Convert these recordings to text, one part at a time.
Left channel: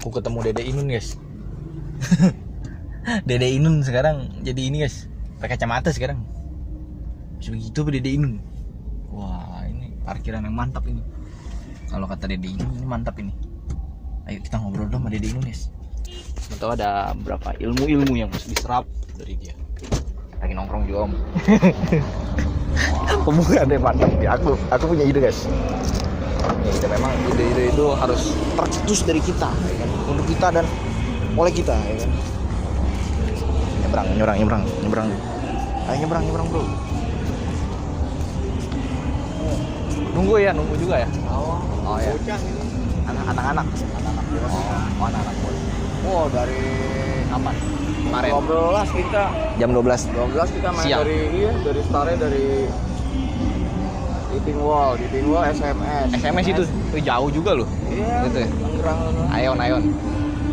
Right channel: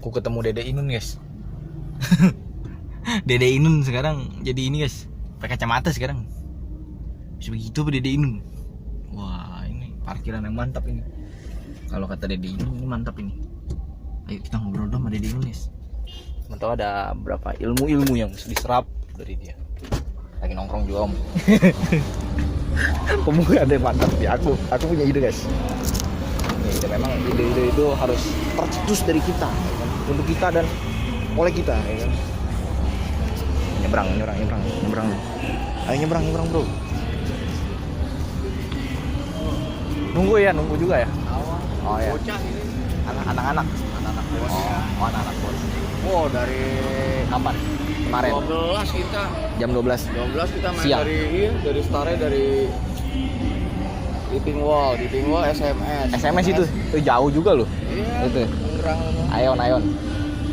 Aku ketemu Dede Inun guys. Dede Inun sekarang jadi ini guys, pakai kacamata sekarang. Bisa begitu Dede Inun. Wah ini parkiran yang mantap ini. Kalau kata Dede Inun ini mantap ini. Ayo kita ngobrol dong sama Dede Inun guys. Tahu ada berapa ilmu-ilmu yang harus diserap dari dia. Lagi nongkrong juga om. Pemuda ada yang mantap ya. Aku punya ide guys. Ya, memang ide-ide itu harus tercetus dari kita ya kan? Untuk kita dan oleh kita ya kan. Nyebrang nih. Ayo nyebrang bro. Nunggu juga ya. Oh ya. Anak-anak. Oh anak-anak bocah. Oh dari Kapan? Kemarin. 12 kita. Jam 12. Kita main Siang. dari startnya dari Dipping Wall SMS itu jauh juga loh. Iya. Itu ya? Ayon.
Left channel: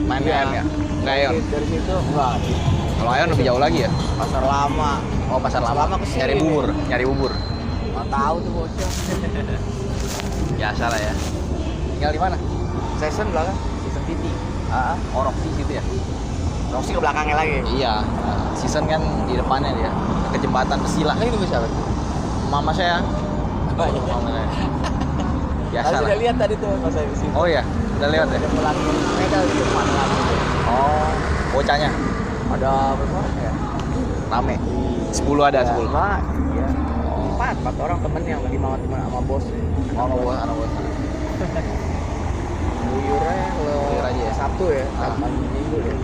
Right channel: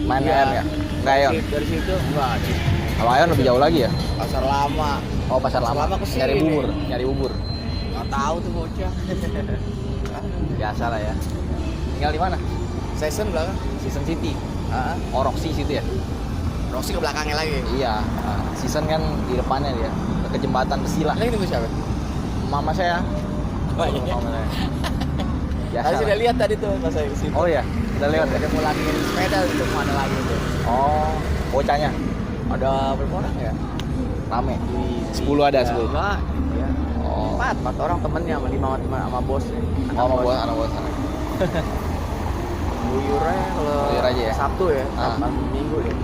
Main Iya. ya? Enggak Ayon. Dari situ enggak. Kalau Ayon lebih jauh lagi ya? Pasar Lama. Oh pasar lama kesini. nyari bubur. Enggak tahu tuh bocah. Biasa lah ya. Tinggal di mana? Season belakang. Season City. Oh Roxy situ ya? Roxy ke belakangnya lagi. Iya. Season kan di depannya dia. Ke jembatan besi lah. Ini tunggu siapa? Mama saya. Mama saya. Biasa Tadi lah. sudah lihat tadi tuh pas saya kesini. Oh iya, udah lewat ya? Dia pulangin sepeda itu mana lagi tuh. Oh, bocahnya Ada berapa orang ya? rame. 10 ada 10. Enggak, iya. Empat orang temennya sama bosnya. Anak bos. Buyurnya kalau Buyur aja ya? Sabtu ya, Sabtu Minggu deh.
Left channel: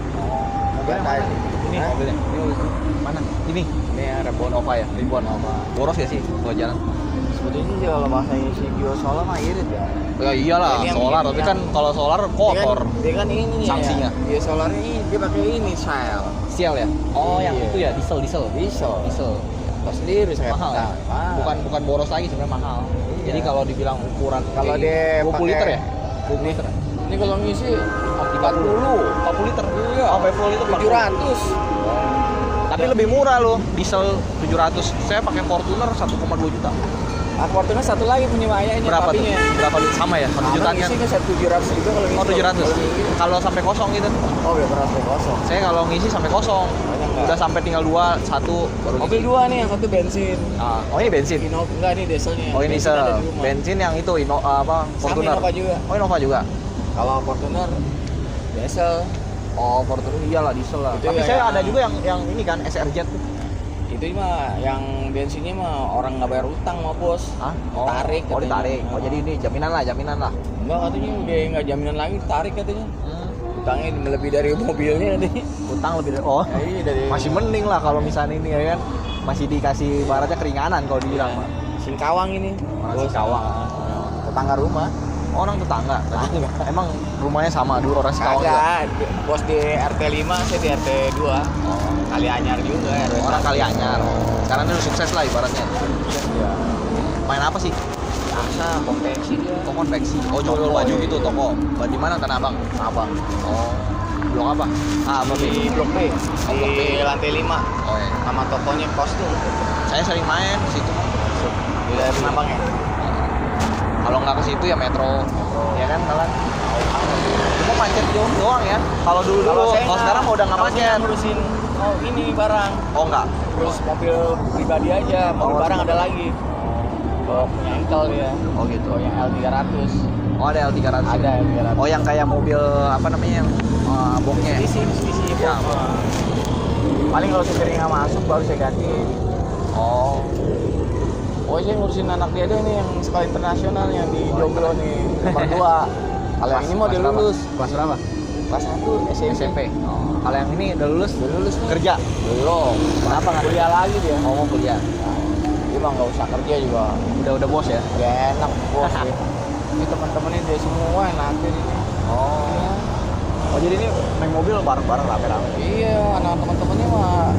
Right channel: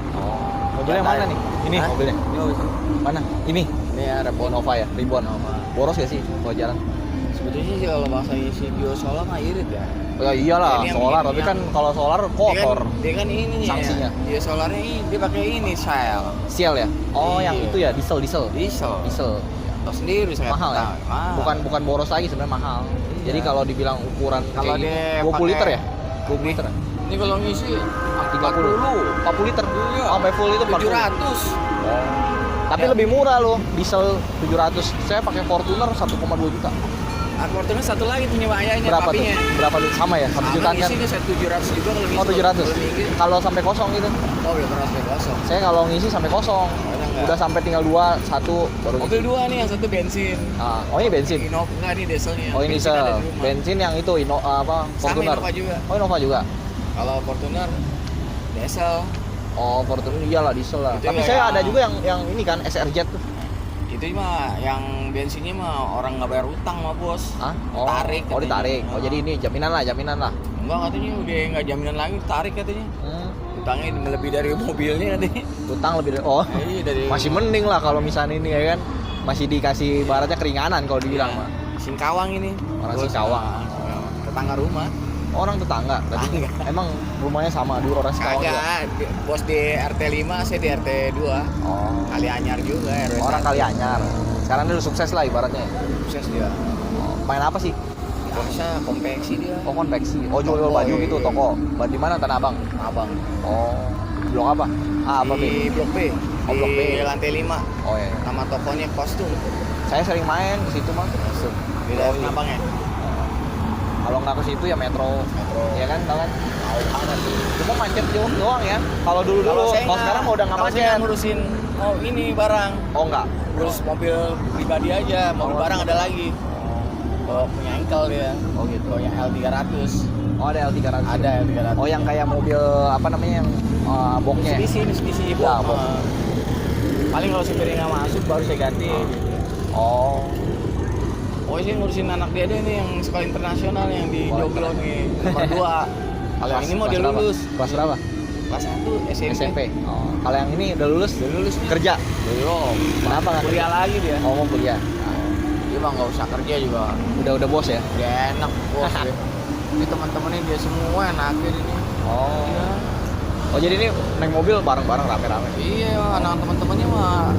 Mobilnya mana nih? Ini Hah? mobilnya. Ini mobilnya. Mana? Ini. Ini ada Nova ya? Ribuan. Boros ya sih kalau jalan? sebetulnya sih kalau bahasanya si Gio Solar mah irit ya. Ya iyalah, Ini yang solar. ini Tapi yang- kan kalau solar kotor. Dia kan ini Sanksinya. ya. Dia solarnya ini dia pakai ini Shell. Sial ya? Oh, yang Iya. itu ya, diesel. Diesel. Diesel. Lo sendiri saya. Mahal ya? Bukan boros lagi sebenarnya mahal. Iya. Jadi kalau dibilang ukuran Kalau kayak dia 20 liter ya? 20 liter. Ini kalau ngisi 40 liter. Iya. Sampai full itu 700. Tapi lebih murah loh, diesel 700. Saya pakai Fortuner 1,2 juta. Akortnya satu lagi punya ayah ini. Berapa tuh? papinya. Berapa duit sama ya? 1 jutaan kan? Isinya 700 juga kalau ngisi. Oh 700. Kalau ngisi. Kalau sampai kosong gitu. Oh, biar sampai kosong. Saya kalau ngisi sampai kosong. Enggak. Udah sampai tinggal 2, 1 baru Mobil ngisi. dua nih, yang satu bensin. Oh ini bensin. Enggak nih dieselnya. Oh ini Bensin ada diesel. di rumah. Bensin yang itu Fortuner. Innova juga. Oh Innova juga. Kalau Fortuner diesel. Oh Fortuner iyalah diesel lah. Itu Tapi yang- saya ada juga yang ini kan SRJ tuh. Itu mah yang bensinnya mah orang nggak bayar utang mah bos. Hah? Oh, Ditarik oh katanya. ditarik. Oh jadi ini jaminan lah. Enggak katanya udah nggak jaminan lagi ditarik katanya. Hmm. Utangnya lebih dari mobilnya katanya. Utang lebih dari Iya dari masih mending lah kalau misalnya ini ya kan masih dikasih baratnya keringanan kalau dibilang mah. Singkawang ini. Orang Bos. Singkawang. Tetangga rumah. Orang tetangga berarti emang rumahnya sama dua orang Singkawang juga. Kagak, bos di RT 5, saya di RT 2. Oh, Kali Anyar juga RW. orang Kalianyar. Karena dia udah sukses lah ibaratnya. Iya. Main apa sih? Biasa konveksi dia. Oh konveksi. Oh jual baju gitu toko. Di mana Tanah Abang? Abang. Oh. Blok apa? Apa Di B? Blok B. Oh, Blok B. Di lantai 5. Oh ya. Nama tokonya Kos tuh. Saya sering main ke situ mah. Di daerah Tanah Abang ya. Kalau nggak ke situ ya metro. Metro. Ya kan kalian. Tahu banget. Cuma macet doang ya. Kalau dulu. Kalau sekarang mau udah nggak kalau saya macet. ngurusin ini barang. Oh nggak. Terus mobil pribadi aja, mobil barang ada lagi. Oh, punya engkel dia. Oh gitu. Oh, yang L300. Oh ada L300. Ada L300. Oh yang kayak mobil apa namanya yang boxnya. Mitsubishi Ya, Box. Paling kalau supirnya nggak masuk baru saya ganti. Oh. Oh, saya ngurusin anak dia deh nih yang sekolah internasional yang di Joglo nih, nomor 2. Kalau yang ini mau dia berapa? lulus. Kelas berapa? Kelas 1 SMP. SMP. Oh. Kalau yang ini udah lulus? Dia lulus Kerja. belum. Kenapa nggak Kuliah lagi dia. Oh mau kuliah. Dia mah nggak usah kerja juga. Udah bos ya? Udah enak bos dia. Ini teman-temannya dia semua enakin ini. Oh. Oh jadi ini naik mobil bareng-bareng rame-rame. Iya, anak teman-temannya mah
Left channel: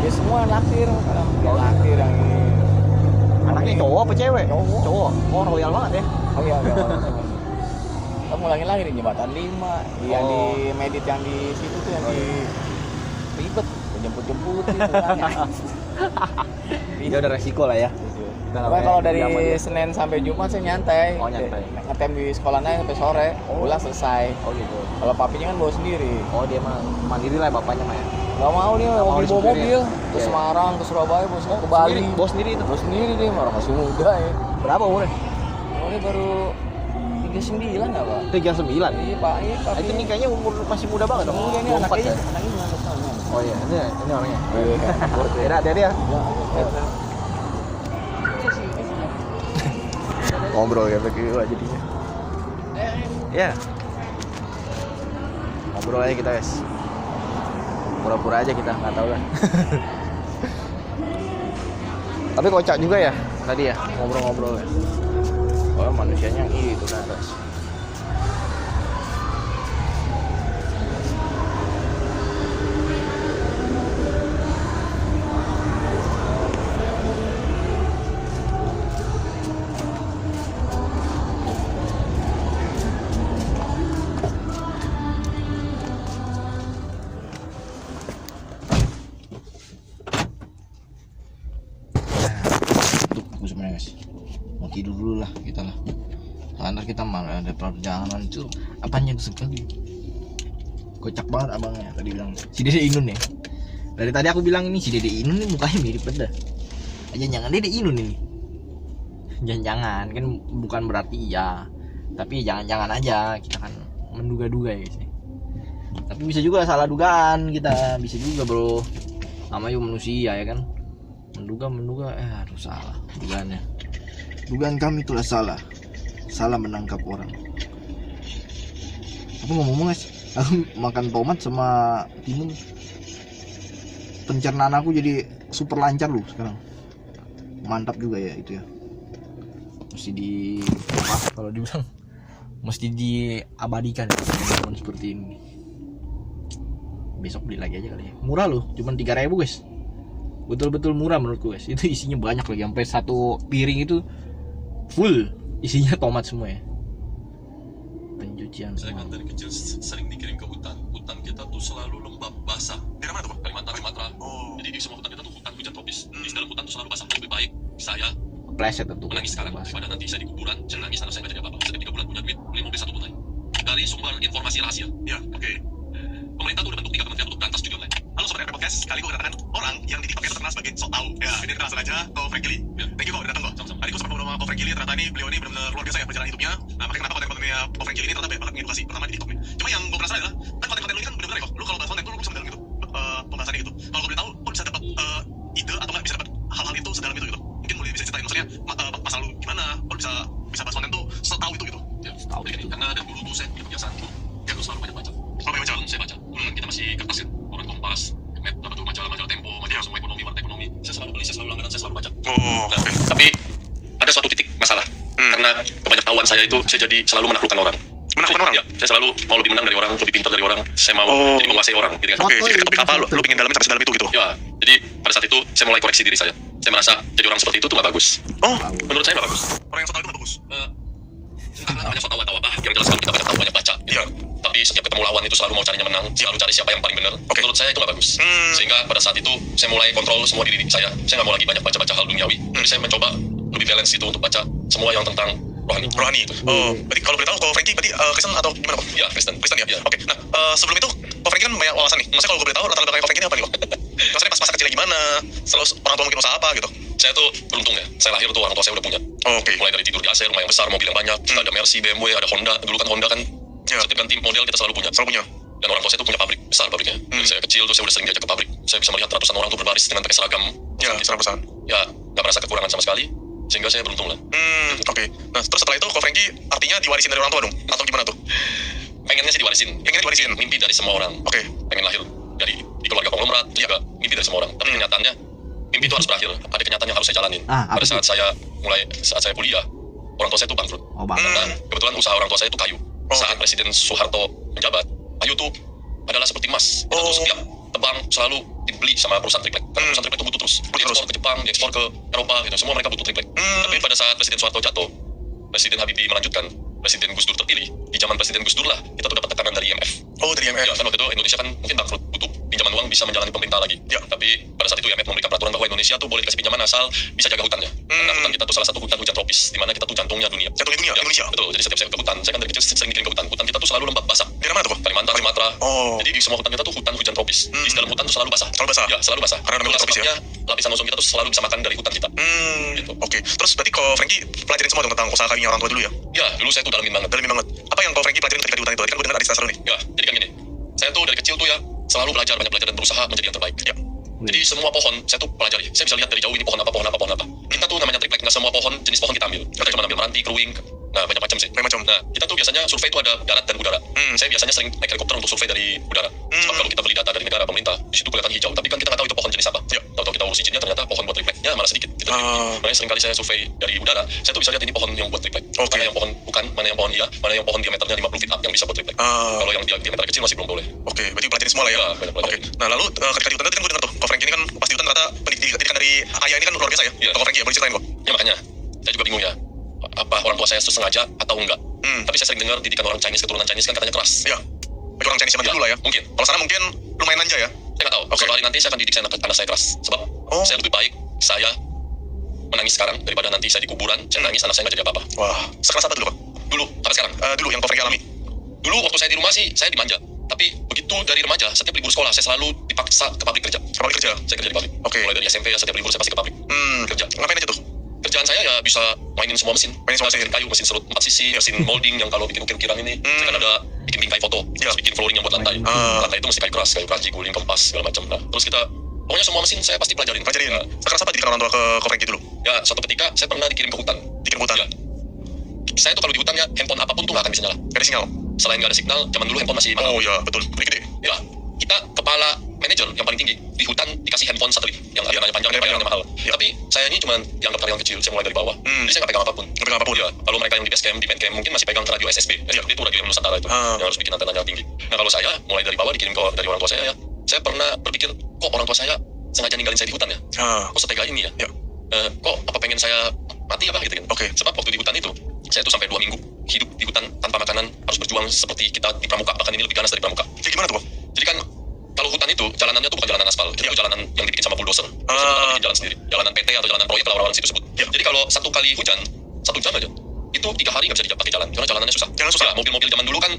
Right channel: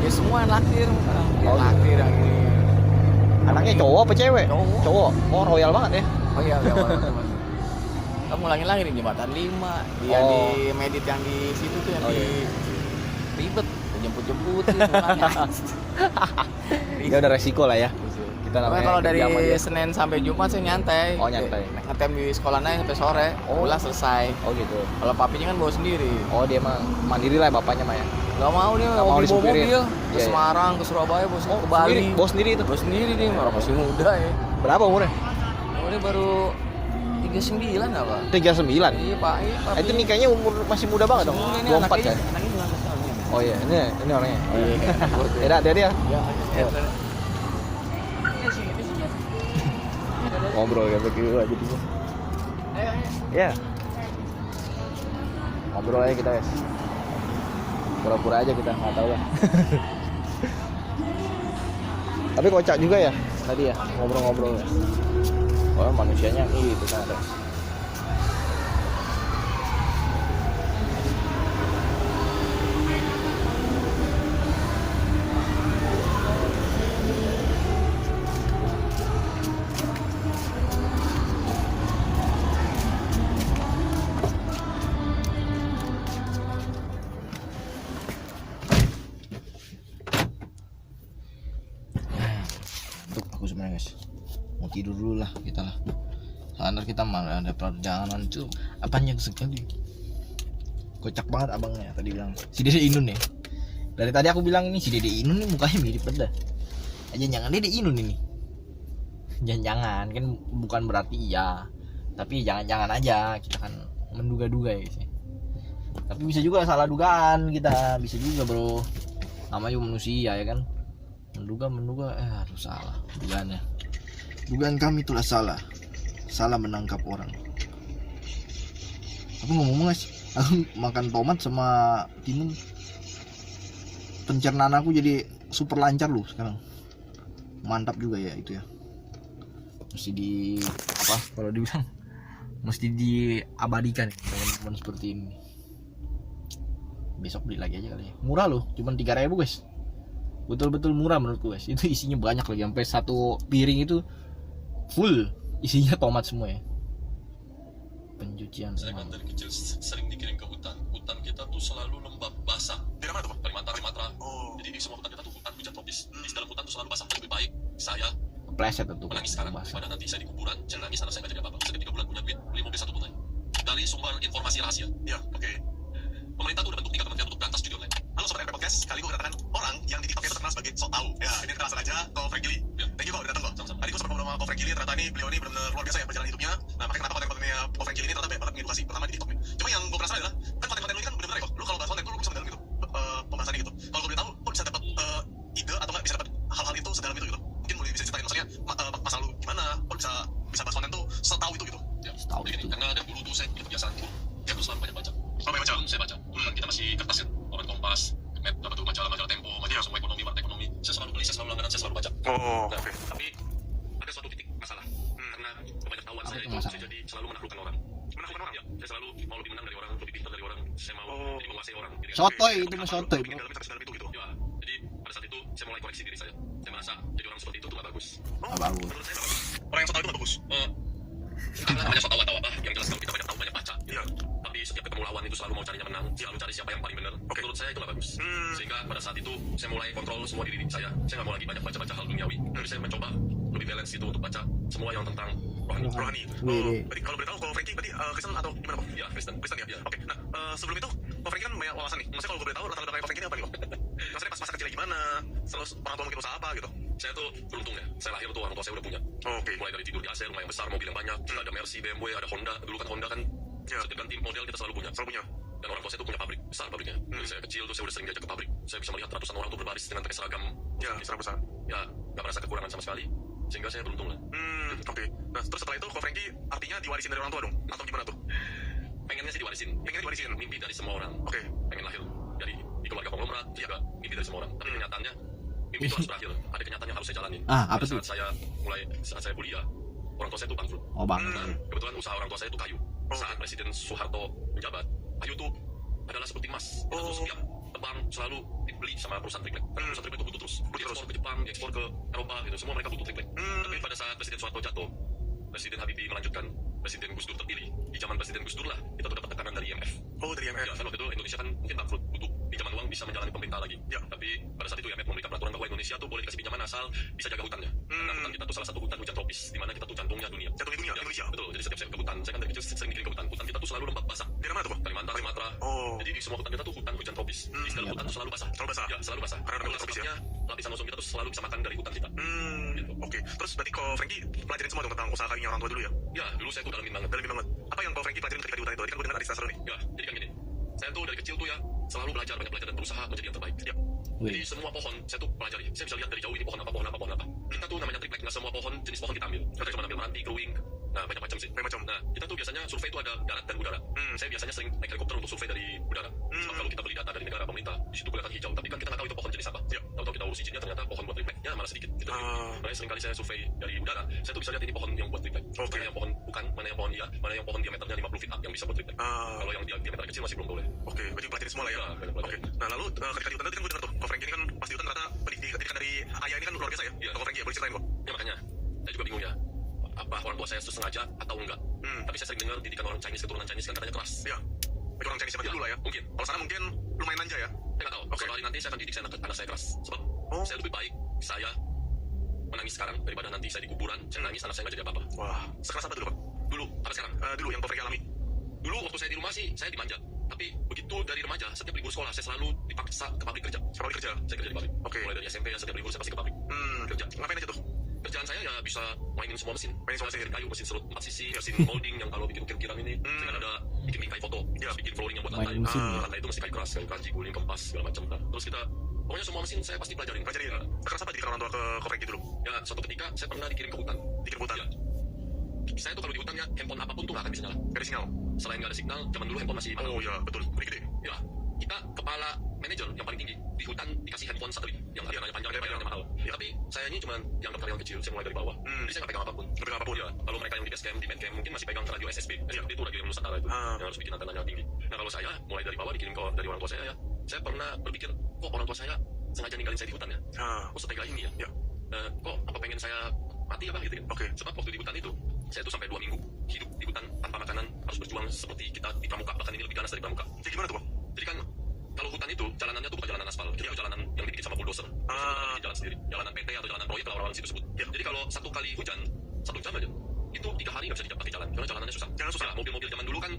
dia semua yang nakir. Dia Oh. nakir yang ini. Anaknya cowok apa cewek? Cowok. Cowok. Oh royal banget ya. Oh iya, iya. Kamu ulangin lagi di jembatan 5, yang Oh. di Medit yang di situ tuh yang Oh, di ribet, jemput-jemput tuh semuanya. Itu ada resiko lah ya. kita Pokoknya namanya kalau dari kerja sama dia. Senin sampai Jumat saya nyantai. Oh, nyantai. Ngetem di sekolah naik sampai sore, pulang selesai. Oh gitu. Kalau papinya kan bawa sendiri. Oh dia mah mandiri lah bapaknya mah ya. Gak mau dia, Nggak mau bawa disupirin. mobil ke Iya, iya. Semarang, ke Surabaya, ke Bali. Sendiri, bawa sendiri itu. Bawa sendiri dia, orang masih muda ya. Berapa umurnya? Oh, dia baru 39 apa? 39. Iya pak, iya pak. Itu nih kayaknya umur masih muda banget dong. Muda nih 24 anaknya. ya. Anaknya belum satu tahun. Oh iya, ini orangnya. Iya kan. Ya, dia ya. Ngobrol ya berdua jadinya. Ya. Ngobrol aja kita, guys. Pura-pura aja kita, nggak tahu lah. Tapi kocak juga ya tadi ya ngobrol-ngobrol. Oh manusianya itu ternyata. Aku sebenarnya guys mau tidur dulu lah kita lah. Karena kita malah ada perjalanan itu apanya sekali. Kocak banget abangnya tadi bilang si Dede Inun ya. Dari tadi aku bilang ini si Dede Inun nih mukanya mirip beda. Aja jangan Dede Inun ini. Jangan kan bukan berarti iya. Tapi jangan-jangan aja kita kan menduga-duga ya guys. Tapi bisa juga salah dugaan kita, bisa juga bro. Namanya manusia ya kan. Menduga aduh salah dugaannya. Dugaan kami itulah salah menangkap orang. Apa ngomong guys, aku makan tomat sama timun, pencernaan aku jadi super lancar loh sekarang. Mantap juga ya itu ya. Mesti di apa kalau dibilang mesti diabadikan ya, seperti ini. Besok beli lagi aja kali ya. Murah loh, cuma 3.000 guys. Betul-betul murah menurutku guys. Itu isinya banyak lagi, sampai satu piring itu full isinya tomat semua ya. Pencucian Saya kan dari kecil sering dikirim ke hutan. Hutan kita tuh selalu lembab basah. Di mana tuh? Kalimantan. Oh. Jadi di semua hutan kita tuh hutan hujan tropis. Di dalam hutan tuh selalu basah. Lebih baik saya pleset tentu menangis sekarang daripada nanti saya di kuburan. Saya nangis karena saya nggak jadi apa-apa. Saya 3 bulan punya duit beli mobil 1 bulan. Dari sumber informasi rahasia. Ya, oke. Pemerintah tuh udah bentuk 3 kementerian untuk berantas judi online. Halo sobat RP Podcast, kali gue kedatangan orang yang di TikTok itu terkenal sebagai sok tahu. Ya, ini terkenal saja, Ko Frank Gili. Ya, thank you kok udah datang kok. Sama-sama. Tadi gue sempat ngobrol sama Ko Frank Gili, ternyata beliau ini benar-benar luar biasa ya perjalanan hidupnya. Nah, makanya kenapa konten-kontennya Ko Frank Gili ini ternyata banyak banget mengedukasi, terutama di TikTok nih. Cuma yang gue penasaran adalah, kan konten-konten lu ini kan benar-benar ya kok. Lu kalau bahas konten tuh lu bisa mendalam gitu, pembahasannya gitu. Kalau gue boleh tahu, lu bisa dapat ide atau nggak bisa dapat hal-hal itu sedalam itu gitu. Mungkin boleh bisa ceritain maksudnya masa lu gimana, lu bisa bahas konten tuh setahu itu gitu. Ya, jadi karena ada guru dosen punya kebiasaan tuh, ya gue selalu banyak baca. Sebelum saya baca, kan kita masih kertas ya, Koran Kompas, Net, apa tuh majalah Tempo, majalah semua ekonomi, warta ekonomi. Saya selalu beli, saya selalu langganan, saya selalu baca. Oh, Nah, tapi ada suatu titik masalah. Karena kebanyakan saya itu saya jadi selalu menaklukkan orang. Menaklukkan orang? Ya, saya selalu mau lebih menang dari orang, lebih pintar dari orang. Saya mau jadi menguasai orang. Gitu kan. Oke, tapi apa lu pengen dalamin sampai sedalam itu gitu? Ya, jadi pada saat itu saya mulai koreksi diri saya. Saya merasa jadi orang seperti itu tuh gak bagus. Oh, Menurut saya gak bagus. orang yang so tau itu gak bagus. Karena namanya so tau atau apa, yang jelas kalau kita banyak tahu banyak baca. Gitu. Iya. Tapi setiap ketemu lawan itu selalu mau carinya menang, selalu cari siapa yang paling benar. Oke. Menurut saya itu gak bagus. Sehingga pada saat itu saya mulai kontrol semua diri saya. Saya gak mau lagi banyak baca-baca hal duniawi. Jadi saya mencoba lebih balance itu untuk baca semua yang tentang rohani. Rohani. Oh, berarti kalau boleh tahu, Ko Franky berarti Kristen atau gimana kok? Ya, Kristen. Kristen ya? Ya. Oke, nah sebelum itu Ko Franky kan banyak wawasan nih. Maksudnya kalau gue boleh tahu latar belakang Ko Franky ini apa nih kok? Maksudnya pas masa kecilnya gimana? Terus orang tua mungkin usaha apa gitu? Saya tuh beruntung ya. Saya lahir tuh orang tua saya udah punya. Oh, oke. Mulai dari tidur di AC, rumah yang besar, mobil yang banyak. Kita ada Mercy, BMW, ada Honda. Dulu kan Honda kan Ya. setiap ganti model kita selalu punya. Selalu punya. Dan orang tua saya tuh punya pabrik besar pabriknya. Dari saya kecil tuh saya udah sering diajak ke pabrik. Saya bisa melihat ratusan orang tuh berbaris dengan pakai seragam. Ya, serang-serang. Ya, nggak merasa kekurangan sama sekali. Sehingga saya beruntung lah. Oke. Nah, terus setelah itu Ko Franky artinya diwarisin dari orang tua dong? Atau gimana tuh? Pengennya sih diwarisin. Pengennya diwarisin? Mimpi dari semua orang. Oke. Pengen lahir di keluarga konglomerat. Juga mimpi dari semua orang. Tapi kenyataannya mimpi itu harus berakhir. Ada kenyataan yang harus saya jalanin. Apa Pada tuh? saat saya kuliah, orang tua saya itu bangkrut. Oh bang. Nah, kebetulan usaha orang tua saya itu kayu. Saat Presiden Soeharto menjabat, kayu itu adalah seperti emas. Kita tuh setiap tebang selalu dibeli sama perusahaan triplek. Karena perusahaan triplek itu butuh terus. Diekspor ke Jepang, diekspor ke Eropa, gitu. Semua mereka butuh triplek. Tapi pada saat Presiden Soeharto jatuh, Presiden Habibie melanjutkan, Presiden Gus Dur terpilih. Di zaman Presiden Gus Dur lah, kita tuh dapat tekanan dari IMF. Oh, dari IMF. Ya, kan waktu itu Indonesia kan mungkin bangkrut, butuh pinjaman uang bisa menjalani pemerintah lagi. Ya. Tapi pada pada saat itu ya Met memberikan peraturan bahwa Indonesia tuh boleh dikasih pinjaman asal bisa jaga hutannya. Karena hutan kita tuh salah satu hutan hujan tropis, di mana kita tuh jantungnya dunia. Jantungnya dunia, Ya, Indonesia. betul. Jadi setiap saya ke hutan, saya kan dari kecil sering dikirim ke hutan. Hutan kita tuh selalu lembab basah. Daerah mana tuh? Kalimantan, Sumatera. Oh. Jadi di semua hutan kita tuh hutan hujan tropis. Di dalam hutan tuh selalu basah. Selalu basah? Ya, selalu basah. Karena namanya Itulah tropis ya? sebabnya lapisan ozon kita tuh selalu bisa makan dari hutan kita. Gitu. Oke. Terus berarti kok Frankie pelajarin semua dong tentang usaha kawinnya orang tua dulu ya? Ya, dulu saya tuh dalamin banget. Dalamin banget. Apa yang kok Frankie pelajarin ketika di hutan itu? Tadi kan gue dengar ada cerita seru nih. Ya, jadi kan gini. Saya tuh dari kecil tuh ya selalu belajar, banyak belajar dan berusaha menjadi yang terbaik. Ya. Jadi semua pohon saya tuh pelajari. Saya bisa lihat dari jauh ini pohon apa, pohon apa, pohon apa. Kita tuh namanya triplek, nggak semua pohon jenis pohon kita ambil. Kita cuma ambil meranti, keruing, nah banyak macam sih. Banyak macam. Nah, kita tuh biasanya survei itu ada darat dan udara. Saya biasanya sering naik helikopter untuk survei dari udara. Sebab kalau kita beli data dari negara pemerintah, di situ kelihatan hijau, tapi kan kita nggak tahu itu pohon jenis apa. Ya. Tahu kita urus izinnya ternyata pohon buat tripleknya malah sedikit. Gitu. Makanya sering kali saya survei dari udara, saya tuh bisa lihat ini pohon yang buat triplek. Mana yang pohon bukan, mana yang pohon iya, mana yang pohon diameternya 50 feet up yang bisa buat triplek. Kalau yang diameter kecil masih belum boleh. Oke, berarti pelajarin semua lah ya? Ya, banyak pelajarin. Oke. Nah lalu ketika di hutan tadi kan gue dengar tuh, kok Frankie ini kan pas di hutan ternyata pendidikan dari ayah ini kan luar biasa ya? Iya. Kok Frankie ya, boleh ceritain kok? Ya makanya, saya juga bingung ya. Apa orang tua saya sengaja atau enggak? Tapi saya sering dengar didikan orang Chinese, keturunan Chinese kan katanya keras. Iya. Bagi orang Chinese zaman Ya, dulu lah ya? mungkin. Kalau sana mungkin lumayan manja ya? Saya nggak tahu. Suatu hari nanti saya akan didik anak saya keras. Sebab saya lebih baik saya menangis sekarang daripada nanti saya di kuburan, saya nangis anak saya nggak jadi apa-apa. Wah, sekeras apa dulu kok? Dulu, sampai sekarang. Dulu yang kok Frankie alami? Dulu waktu saya di rumah sih, saya dimanja. Tapi begitu dari remaja, setiap libur sekolah, saya selalu dipaksa ke pabrik kerja. Ke pabrik kerja? Saya kerja di pabrik. Oke. Mulai dari SMP ya, setiap libur saya pasti ke pabrik. Kerja. Ngapain aja tuh? Kerjaan saya ya bisa mainin semua mesin. Mainin semua Saya mesin. bikin kayu, mesin serut 4 sisi, mesin molding yang kalau bikin ukir-ukiran ini, saya kan ada bikin bingkai foto, terus bikin flooring yang buat lantai. Lantai itu mesti kayu keras, kayu kaji, guling, kempas, segala macam. Nah, terus kita, pokoknya semua mesin saya pasti pelajarin. Pelajarin? Ya, Sekeras apa didikan orang tua ke Frankie dulu? ya, suatu ketika saya pernah dikirim ke hutan. Dikirim ke hutan? Ya. Saya tuh kalau di hutan ya, handphone apapun tuh nggak akan bisa nyala. Gak ada sinyal? Selain nggak ada signal, zaman dulu handphone masih mahal. Oh iya, betul. Beli gede. Ya, kita kepala manajer yang paling tinggi di hutan dikasih handphone satelit yang harganya panjang, bayarannya mahal. Tapi saya ini cuma dianggap karyawan kecil, saya mulai dari bawah. Jadi saya nggak pegang apapun. Nggak pegang apapun? Ya, kalau mereka yang di base camp, di band camp mungkin masih pegang radio SSB. SSB itu radio yang Nusantara itu, yang harus bikin antenanya tinggi. Nah kalau saya mulai dari bawah dikirim dari orang tua saya ya, saya pernah berpikir kok orang tua saya sengaja ninggalin saya di hutan ya? Kok setega ini ya? Kok apa pengen saya mati apa gitu kan? Oke. Sebab waktu di hutan itu saya tuh sampai 2 minggu hidup di hutan tanpa makanan, harus berjuang seperti kita di pramuka, bahkan ini lebih ganas dari pramuka. Jadi gimana tuh, Bang? Jadi kan kalau hutan itu jalanannya tuh bukan jalanan aspal, itu jalanan yang dibikin sama bulldozer. Bikin jalan sendiri, jalanan PT atau jalanan proyek lah orang-orang situ sebut. Jadi kalau satu kali hujan 1 jam aja, itu 3 hari nggak bisa pakai jalan, karena jalanannya susah. Jalan susah. Ya, mobil-mobil zaman dulu kan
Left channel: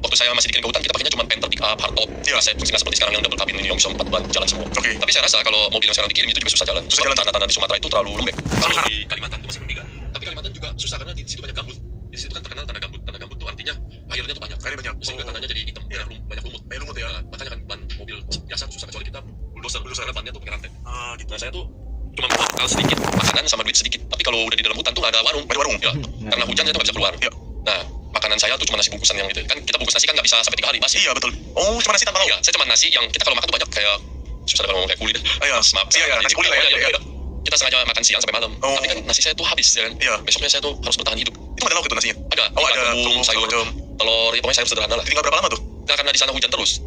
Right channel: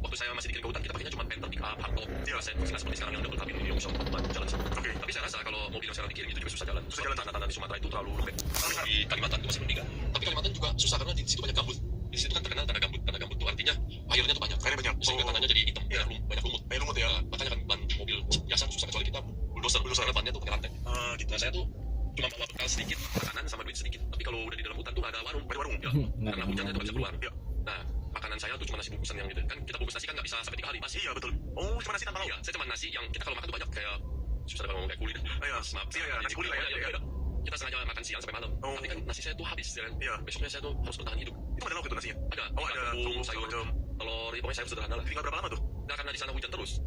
waktu saya masih dikirim ke hutan kita pakainya cuma Panther, pick up, hardtop. Saya nggak seperti sekarang yang double cabin ini yang bisa 4 ban jalan semua. Tapi saya rasa kalau mobil yang sekarang dikirim itu juga susah jalan. Susah jalan. Tanah-tanah di Sumatera itu terlalu lembek. Kalau di Kalimantan itu masih meninggal. Tapi Kalimantan juga susah karena di situ banyak gambut. Di situ kan terkenal tanah gambut. Tanah gambut itu artinya airnya tuh banyak. Airnya banyak. Sehingga tanahnya jadi hitam, banyak lumut. Banyak lumut ya? Nah, makanya kan ban mobil biasa tuh susah, kecuali kita bulldozer karena bannya tuh pakai rantai. Gitu. Nah saya tuh cuma bawa bekal sedikit, makanan sama duit sedikit. Tapi kalau udah di dalam hutan tuh nggak ada warung. Ada warung? Ya, karena hujan saya tuh nggak bisa keluar. Nah, makanan saya tuh cuma nasi bungkusan yang gitu. Kan kita bungkus nasi kan nggak bisa sampai 3 hari basi. Iya betul. Oh, cuma nasi tanpa lauk? Iya, saya cuma nasi yang kita kalau makan tuh banyak kayak susah kalau ngomong kayak kulit. Maaf. Iya, nasi kulit lah ya. Iya. Kita sengaja makan siang sampai malam. Tapi kan nasi saya tuh habis ya kan. Besoknya saya tuh harus bertahan hidup. Itu ada lauk itu nasinya? Ada. Oh, ada bumbu, sayur, telur, ya pokoknya sayur sederhana lah. Tinggal berapa lama tuh? Nah, karena di sana hujan terus,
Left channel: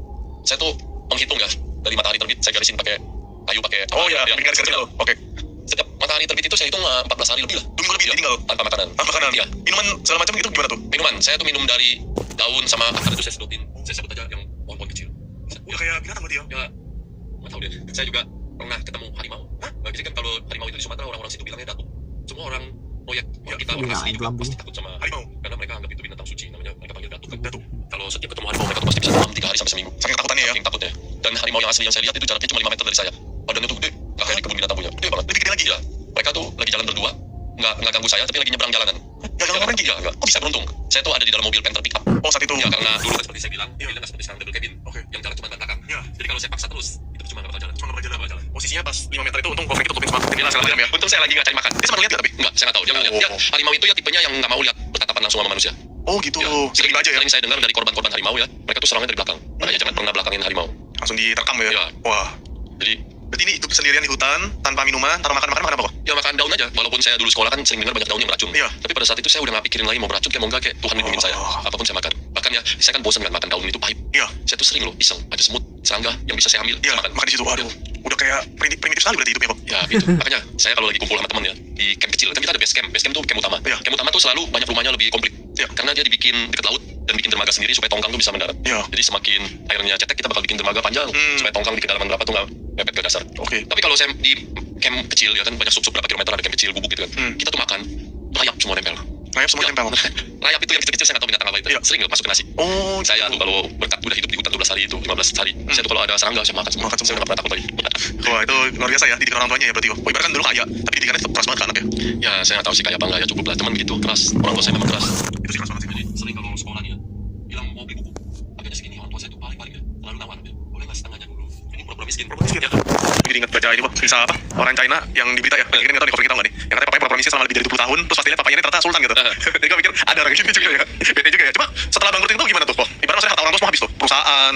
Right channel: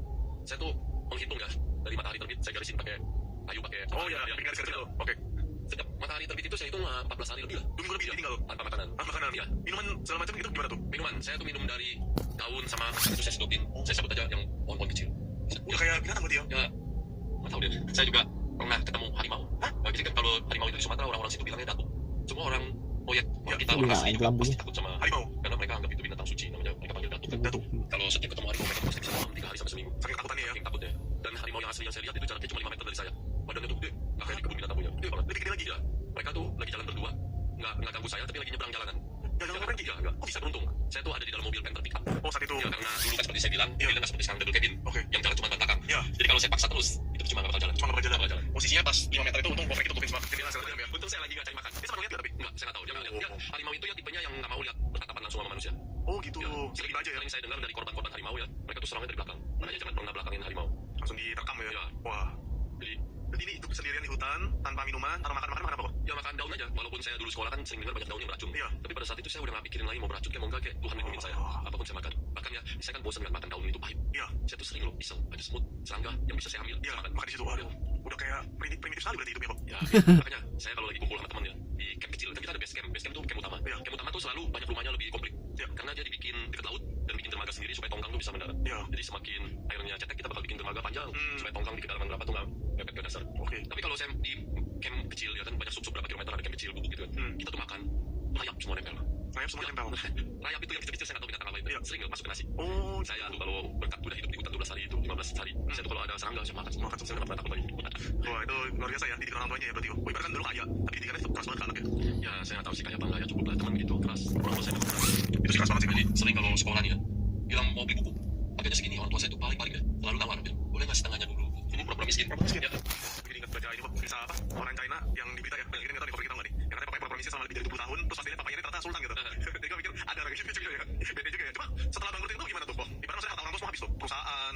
saya tuh menghitung ya dari matahari terbit saya garisin pakai kayu pakai. Oh iya, bikin garis kecil. Oke. Setiap matahari terbit itu saya hitung 14 hari lebih lah. 2 minggu lebih tinggal tanpa makanan. Tanpa makanan. Iya. Minuman segala macam itu gimana tuh? Minuman, saya tuh minum dari daun sama akar itu saya sedupin. Saya sebut aja yang pohon-pohon kecil. Udah kayak binatang berarti ya? Ya, nggak tahu deh. Saya juga pernah ketemu harimau. Jadi kan kalau harimau itu di Sumatera orang-orang situ bilangnya datuk. Semua orang proyek orang kita orang asli juga pasti takut sama harimau karena mereka anggap itu binatang suci, namanya mereka panggil datuk. Kalau setiap ketemu harimau mereka tuh pasti bisa demam 3 hari sampai seminggu. Saking takutannya ya? Saking takutnya. Dan harimau yang asli yang saya lihat itu jaraknya cuma 5 meter dari saya. Badannya tuh gede, nggak kayak di kebun binatang punya. Gede banget. Lebih gede lagi? Ya. Mereka tuh lagi jalan berdua, nggak ganggu saya, tapi lagi nyebrang jalanan. Gak ganggu Frankie? Iya, nggak. Kok bisa beruntung? Saya tuh ada di dalam mobil Panther pickup. Oh saat itu? Ya karena dulu kan seperti saya bilang, mobilnya nggak seperti sekarang double cabin. Yang jalan cuma ban belakang. Jadi kalau saya paksa terus, itu cuma nggak bakal jalan. Cuma nggak bakal jalan. Posisinya pas 5 meter itu untung kok Frankie tutupin semua jendela segala macam ya? Untung saya lagi nggak cari makan. Dia sempat lihat ya tapi? Enggak, saya nggak tahu. Dia nggak lihat. Ya, harimau itu ya tipenya yang nggak mau lihat bertatapan langsung sama manusia. Oh gitu. Sering aja ya? Sering saya dengar dari korban-korban harimau ya, mereka tuh serangnya dari belakang. Makanya jangan pernah belakangin harimau. Langsung diterkam ya? Ya. Wah. Jadi berarti ini hidup sendirian di hutan, tanpa minuman, tanpa makan apa kok? ya makan daun aja. Walaupun saya dulu sekolah kan sering dengar banyak daun yang beracun. Iya. Tapi pada saat itu saya udah nggak pikirin lagi mau beracun kayak mau nggak, kayak Tuhan lindungin saya. Apapun saya makan. Bahkan ya saya kan bosan kan makan daun itu pahit. Iya. Saya tuh sering loh iseng ada semut, serangga yang bisa saya ambil. Iya. Saya Makan di situ. Waduh. Udah kayak primitif sekali berarti hidupnya kok. Ya gitu. Makanya saya kalau lagi kumpul sama teman ya di camp kecil kan kita ada base camp. Base camp tuh camp utama. Iya. Camp utama tuh selalu banyak rumahnya lebih komplit. Iya. Karena dia dibikin dekat laut dan bikin dermaga sendiri supaya tongkang tuh bisa mendarat. Iya. Jadi semakin airnya cetek kita bakal bikin dermaga panjang supaya tongkang di kedalaman berapa tuh nggak mepet ke dasar. Oke. Tapi kalau saya di camp kecil ya kan banyak sub berapa kilometer ada camp kecil gubuk gitu kan. Kita tuh makan rayap semua nempel. Rayap semua nempel. Rayap itu yang kecil-kecil saya nggak tahu binatang apa itu. Iya. Sering masuk ke nasi. Oh, Saya tuh kalau berkat udah hidup di hutan 12 hari itu 15 hari. Saya tuh kalau ada serangga saya makan semua. Makan semua. Saya udah nggak pernah takut lagi. wah itu luar biasa ya didikan orang tuanya ya berarti. Oh, ibarat kan dulu kaya, tapi didikannya tetap keras banget ke anaknya. Ya saya nggak tahu sih kayak apa nggak ya cukup lah teman begitu keras. Orang tua saya memang keras. Itu sih keras banget sih. Jadi sering kalau sekolah nih ya bilang mau beli buku harganya segini orang tua saya tuh paling deh selalu nawar boleh nggak setengahnya dulu ini pura-pura miskin Miskin. Jadi ingat baca ini, kisah apa? Orang China yang di berita ya. Ini nggak tahu di cover kita nggak nih? Yang katanya papanya pura-pura miskin selama lebih dari 20 tahun, terus pastinya papanya ini ternyata sultan gitu. Jadi gue pikir ada orang gini juga ya. Beda juga ya. Cuma setelah bangkrut itu gimana tuh? Oh, ibarat maksudnya harta orang tua semua habis tuh. Perusahaan,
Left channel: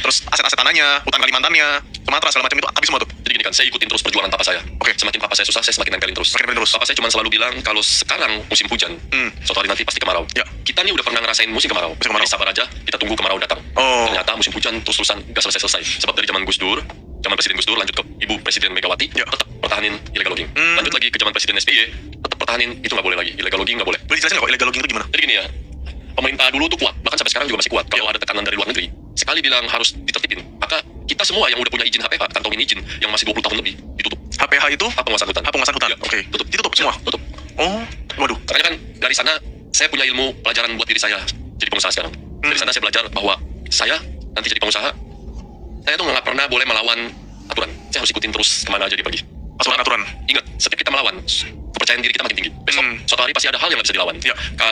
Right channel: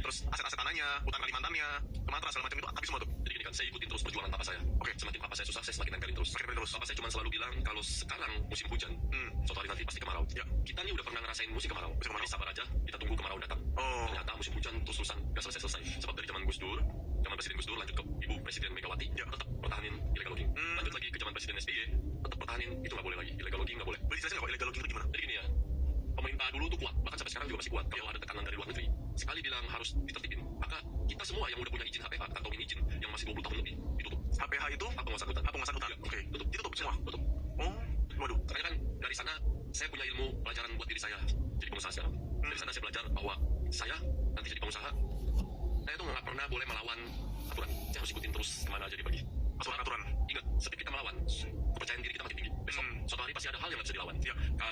terus aset-aset tanahnya, hutan Kalimantannya, Sumatera segala macam itu habis semua tuh. jadi gini kan saya ikutin terus perjuangan papa saya. Oke. Semakin papa saya susah saya semakin nempelin terus. Makin terus. Papa saya cuma selalu bilang kalau sekarang musim hujan suatu hari nanti pasti kemarau. Ya. Kita nih udah pernah ngerasain musim kemarau. Musim kemarau. Jadi sabar aja kita tunggu kemarau datang. Oh. Ternyata musim hujan terus-terusan gak selesai-selesai. Sebab dari zaman Gus Dur, zaman Presiden Gus Dur lanjut ke Ibu Presiden Megawati, Ya. tetap pertahanin illegal logging. Lanjut lagi ke zaman Presiden SBY, tetap pertahanin itu nggak boleh lagi. Illegal logging nggak boleh. Boleh dijelasin nggak kok illegal logging itu gimana? Jadi gini ya, pemerintah dulu tuh kuat, bahkan sampai sekarang juga masih kuat. Kalau ada tekanan dari luar negeri, sekali bilang harus ditertibin, maka kita semua yang udah punya izin HPH, kantongin izin yang masih 20 tahun lebih, ditutup. HPH itu Hak penguasaan hutan. hak penguasaan hutan. Iya. Oke. Tutup. Ditutup semua. Tutup. Oh, waduh. Makanya kan dari sana saya punya ilmu pelajaran buat diri saya jadi pengusaha sekarang. Dari sana saya belajar bahwa saya nanti jadi pengusaha, saya tuh nggak pernah boleh melawan aturan. Saya harus ikutin terus kemana aja dia pergi. Aturan-aturan. Ingat, setiap kita melawan, kepercayaan diri kita makin tinggi. Besok, suatu hari pasti ada hal yang nggak bisa dilawan. Ya.